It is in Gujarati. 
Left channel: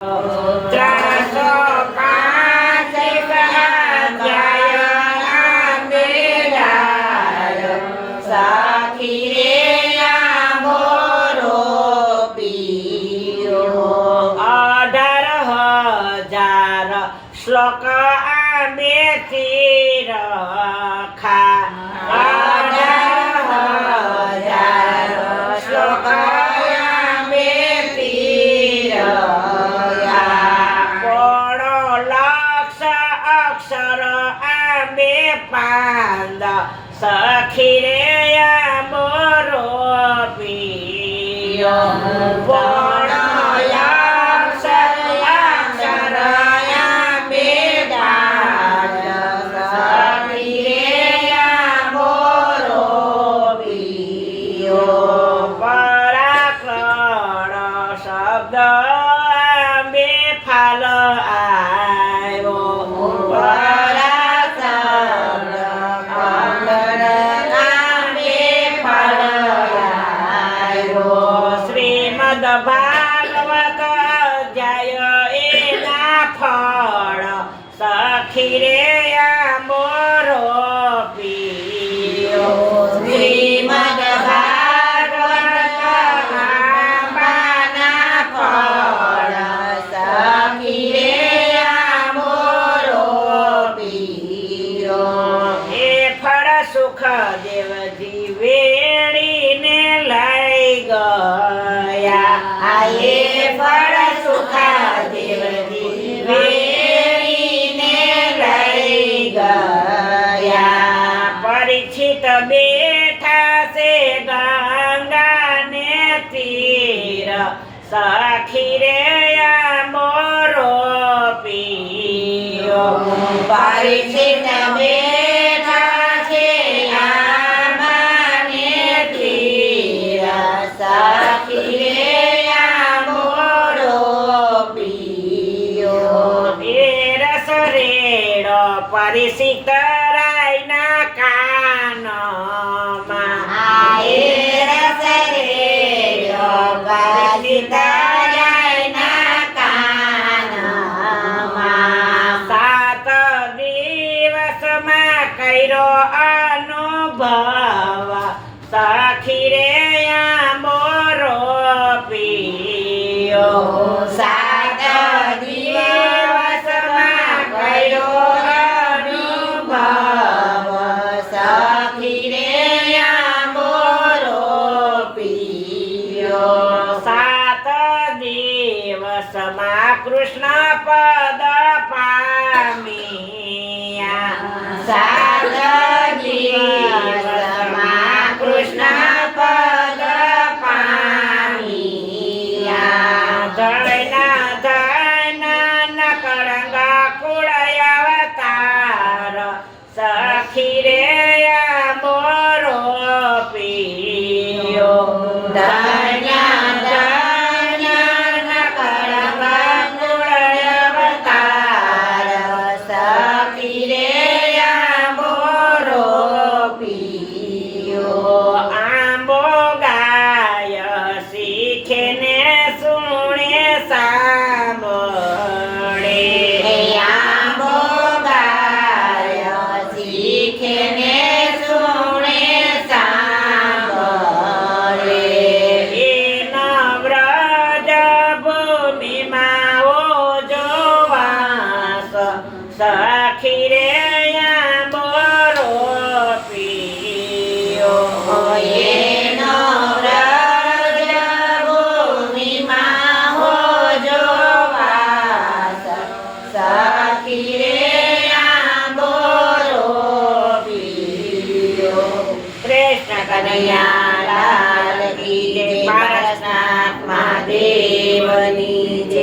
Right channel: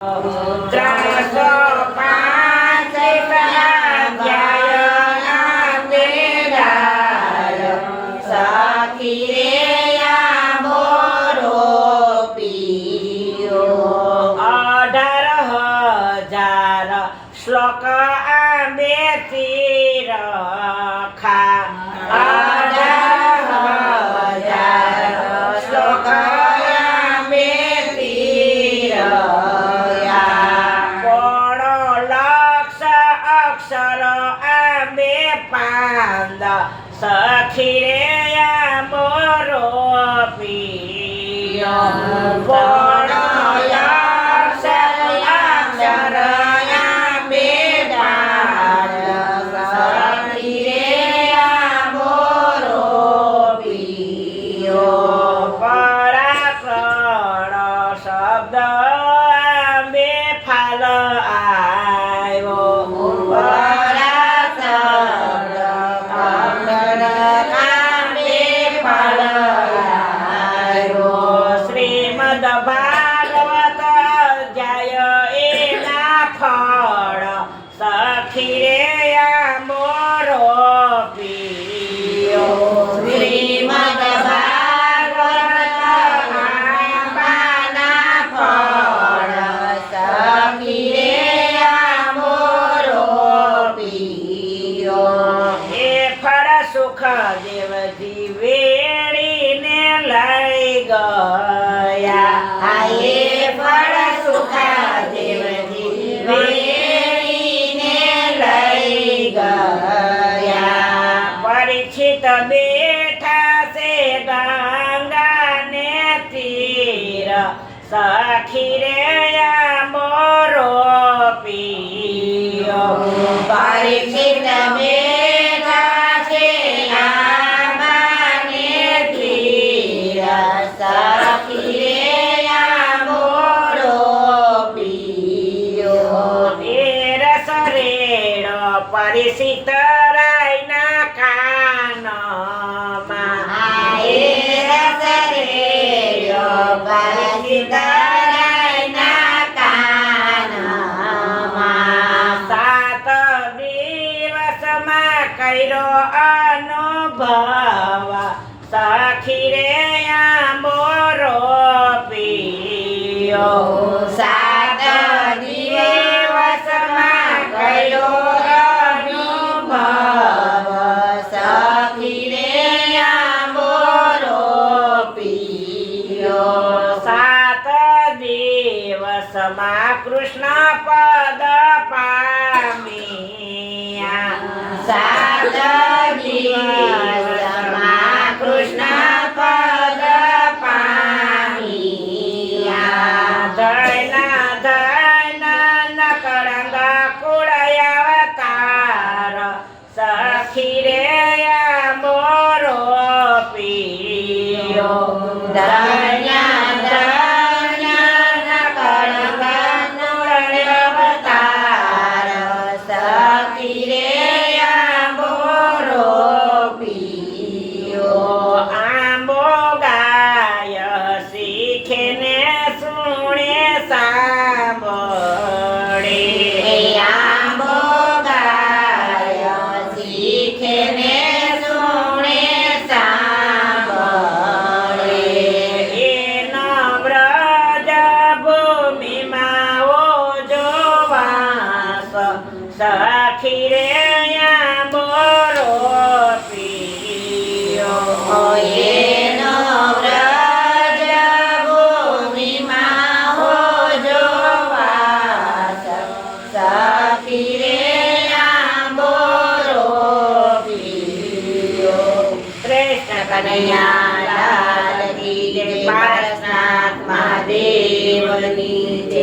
ત્રણસો પાંચ અધ્યાય આંબે ગાય સખી રે આંબોરો પીયો 18,000 શ્લોક આંબેથી રખા 18,000 શ્લોક સખી રે આંબોરો પીયો અક્ષર આંબે સખી રે આંબોરો પીયો પરાકરણ શબ્દ આંબે ફાલ આવ્યો ભાગવત અધ્યાય એના ફળ સખી રે આંબોરો પીયો શ્રીમદ ભાગવત આંબાના ફળ સખી રે આંબોરો પીયો એ ફળ સુખદેવજી વેણીને લઈ ગયા એ ફળ સુખદેવજી વેણીને લઈ ગયા પરીક્ષિત બેઠા છે ગંગાને તીર સખી રે આંબોરો પીયો પરીક્ષિત બેઠા છે આંબાને તીર સખી પરિચિત રાયના કાનમાં પરિચિત રાયના કાનમાં 7 દિવસમાં કર્યો અનુભવ સખી રે આંબોરો પીયો 7 દિવસમાં કર્યો સખી રે આંબોરો પીયો 7 દિવસમાં કૃષ્ણ પદ પામ્યા 7 દિવસમાં કૃષ્ણ પદ પામ્યા ધૈના ધૈના નકળંગા કુળય અવતાર સખી રે આંબોરો પીયો ધન્યા ધન્યા નકળંગા કુળય અવતાર સખી રે આંબોરો પીયો આંબો ગાય શીખે ને સુણે સાંભળે આંબો ગાય શીખે ને સુણે સાંભળે એનો વ્રજ ભૂમિમાં ઓજો વાસ સખી રે આંબોરો પીયો એનો વ્રજ ભૂમિમાં ઓજો વાસ સખી રે આંબોરો પીયો કૃષ્ણ કનૈયા લાલ કી જય પારસનાથ મહાદેવની જય.